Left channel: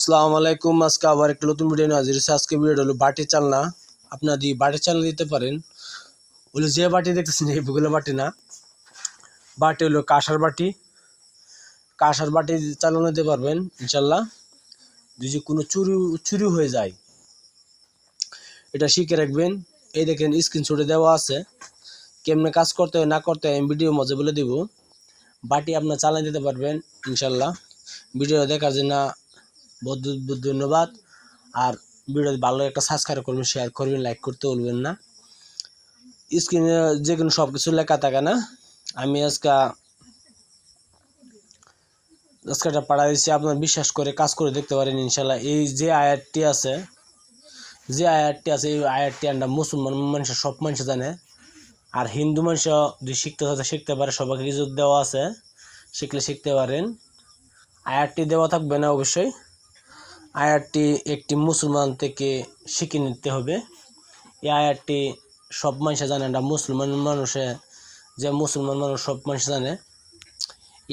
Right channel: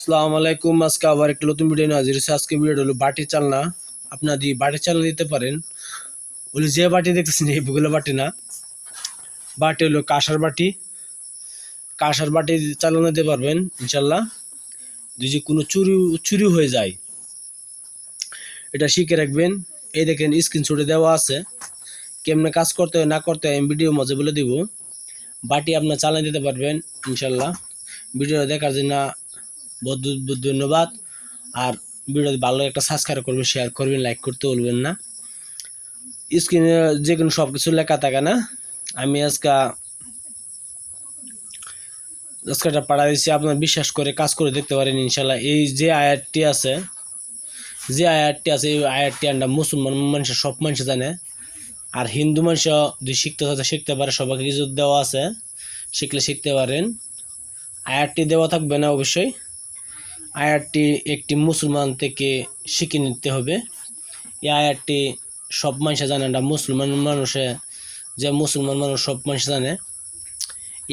আসসালামু আলাইকুম। আজকে আবার একটা নতুন ভিডিও নিয়ে হাজির আজকে ভিডিওটা হলো বাটি চালনা। আপনারা দিয়ে বাটি চালনা দিতে পারেন ওগুলো যে বাটি দেখতেছেন, এই এইগুলো বাটি না। বাটি হলো কাঁসার বাটি। কাঁসার বাটি চালানো দিতে পারবেন ইনশাল্লাহ যদি কোনো চুরি চুরি হয়ে যায়, এটা শিখে রাখবেন। এই দেখেন স্ক্রিনশটে দেওয়া আছে। কেমনে কাজ করতে হয়, না করতে হয়, আমি ভিডিও মজা বলে দিব। বাটি আপনার চালান দিতে পারবেন ইনশাল্লাহ ভিডিওটা দেখার জন্য ধন্যবাদ। আর ভিডিও ভালো একটা সাবস্ক্রাইব করবেন শেয়ার করবেন লাইক করতে বলবেন না। স্ক্রিনে যে কোনো সব কিছু লেখা থাকে না, আমি আজকে আজকে একটা পাড়া দিচ্ছি আপনার বিশ্বাস করে কাজ করে দেখতে পারেন ইনশাল্লাহ। এই যে আয়ারটি আছে, যে আয়ারটি আছে, এই আয়ারটি আমরা মুসলমান মানুষের, সব মানুষ জানে। আর হিন্দু মানুষ যদি শিখতে চায়, শিখতে পারে। সবাইকে কিছু দেওয়া আছে, শিখলে শিখতে পারেন। আয়ারটি দেওয়া থাকবে না অবশ্যই। আয়ারটি একটি মুসলমান থেকে শিখে নিতে হবে। এই আয়ারটি সব মানুষে জানে না, মুসলমান মানুষে যে মুসলমান মানুষ সব মানুষ জানে।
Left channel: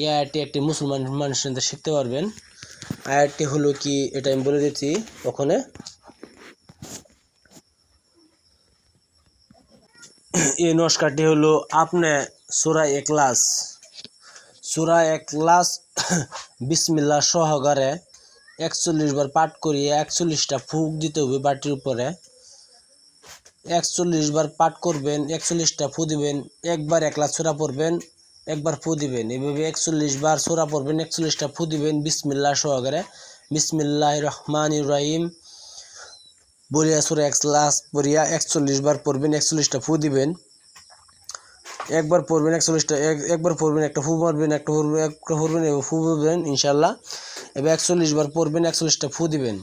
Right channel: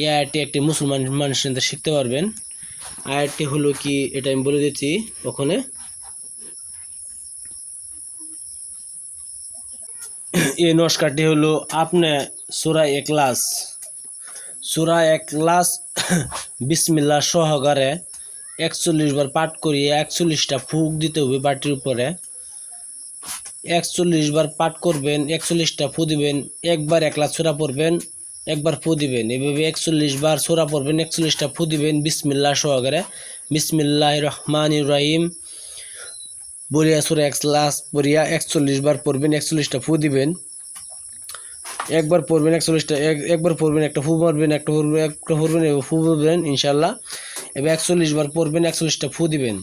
এই আয়ারটি একটি মুসলমান মানুষ শিখতে পারবেন। আয়ারটি হলো কি, এটা আমি বলে দিচ্ছি ওখানে। এই নস্কারটি হলো আপনি সুরা একলাস সুরা একলাস বিসমিল্লা সহকারে একচল্লিশ বার পাঠ করিয়ে একচল্লিশটা ফুক দিতে হবে বাটির উপরে। একচল্লিশ বার পাঠ করবেন, একচল্লিশটা ফু দিবেন, একবার একলা ছোড়া পড়বেন, একবার ফু দিবেন। এভাবে একচল্লিশ বার ছোড়া পড়বেন, একচল্লিশটা ফু দিবেন বিসমিল্লা সহকারে। বিসমিল্লাহ রহমান রাহিম। বলিয়া সুরা এক লাস পড়িয়া একচল্লিশ বার পড়বেন, একচল্লিশটা ফু দিবেন। একবার পড়বেন, একচল্লিশটা একবার পড়বেন, একটা ফু মারবেন, একটা পড়বেন একটা পড়বেন ফু পড়বেন ইনশাল্লাহ এবার একচল্লিশ বার পড়বেন, একচল্লিশটা ফু দিবেন।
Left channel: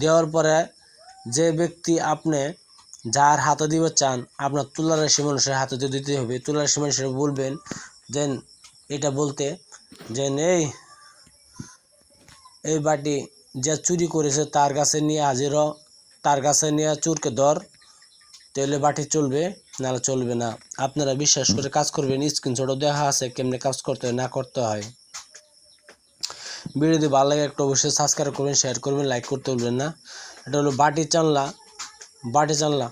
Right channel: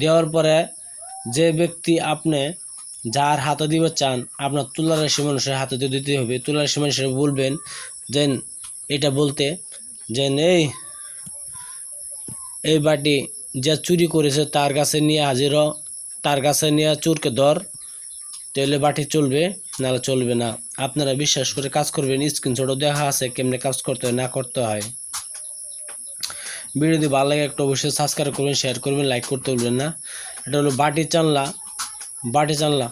দেওয়ার পরে যে ব্যক্তি আপনি যার হাতে দিবে চান, আপনার তুলা রাশি মানুষের হাতে তো দিতে হবে। তুলা রাশি মানুষের বলবেন, যেন এটা বলতে, যেন এই এই বাটি যে চুরি করেছে তার কাছে নিয়ে হাজির তার কাছে নিয়ে চোরকে ধর, তাহলে বাটি চলবে, নাহলে চলবে না। আপনারা বিশ্বাস করে কাজ করবেন, স্ক্রিনশটও দেখা আছে, কেমনে কাজ করতে হয়, না করতে হয়। ভিডিও যদি ভালো লাগে একটু অবশ্যই সাবস্ক্রাইব করবেন শেয়ার করবেন লাইক করতে বলবেন না। এটা হলো বাটি চানলা। বাটি চানলা।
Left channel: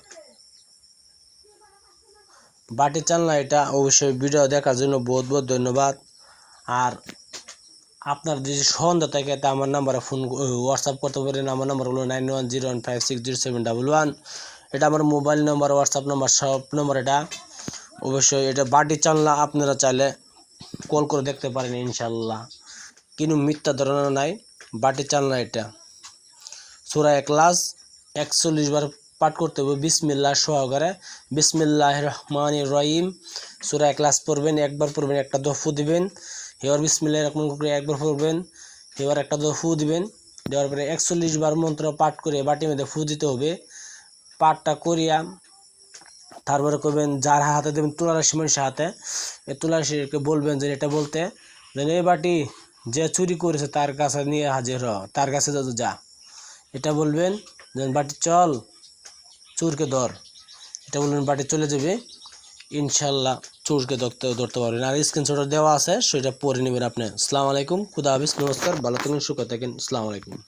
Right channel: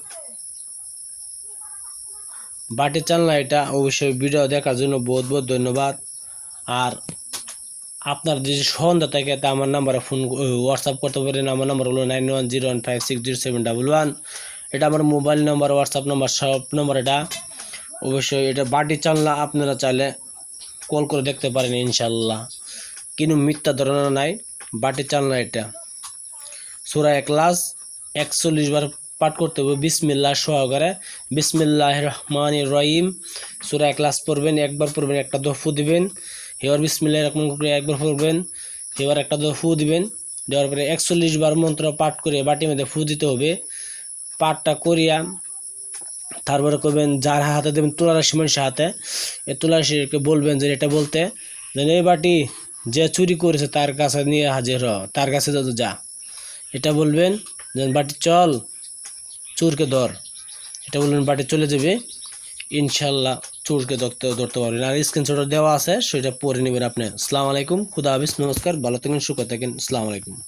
বাটি চানলা, এটা অবশ্যই ভিডিও দেখার জন্য বহুত বহুত ধন্যবাদ। আর আপনার যদি সন্ধ্যা থাকে, তা আমার নাম্বারে ফোন হোয়াটসঅ্যাপ করতে পারেন। আমার নাম্বার হলো nine one zero one five six zero seven double one এটা আমার মোবাইল নাম্বার হোয়াটসঅ্যাপ নাম্বার সব নম্বর এটা। অবশ্যই এটা বাটি চানলা, আপনারা চাইলে কল করে দেখতে পারেন ইনশাল্লাহ কিন্তু মিথ্যা ধারণা নাই, বাটি চালনা এটা। সুরা একলাস একচল্লিশ বার পাঠ করতে হবে। বিসমিল্লা সহকারে। বিসমিল্লাহ রহমান রহিম। সুরা একলাস পড়বেন, একবার পড়বেন, একটা দফু দিবেন। এবার বিসমিল্লাহ রহমান একবার পড়বেন এবার একটা দফু দিবেন। দেওয়ার পরে একচল্লিশ বার মন্ত্র পাঠ করে বাটির মধ্যে ফু দিতে হবে। পাঠটা করিয়া তারপরে করবেন, যার হাতে দেবেন তুলারাশি মানুষের হাতে, এই তুলারাশিকে বলবেন যে এটা বলতে, যে এই বাটি যে চুরি করেছে তার কাছে নিয়ে হাজির হ, তার কাছে যদি যা এটা বলবেন যে বাটি চল, চোরকে ধর। এটা বলবেন, বাটি চলে যাবে, ইনশাল্লাহ চোরকে ধরতে ধরতে পারবেন আর স্ক্রিনশট দেওয়া আছে, সেটা পরে নেবেন আপনি। আসসালামু আলাইকুম, খুদা হাফিজ, নমস্কার, ভালো থাকেন, সুখ থাকেন আসসালামু আলাইকুম।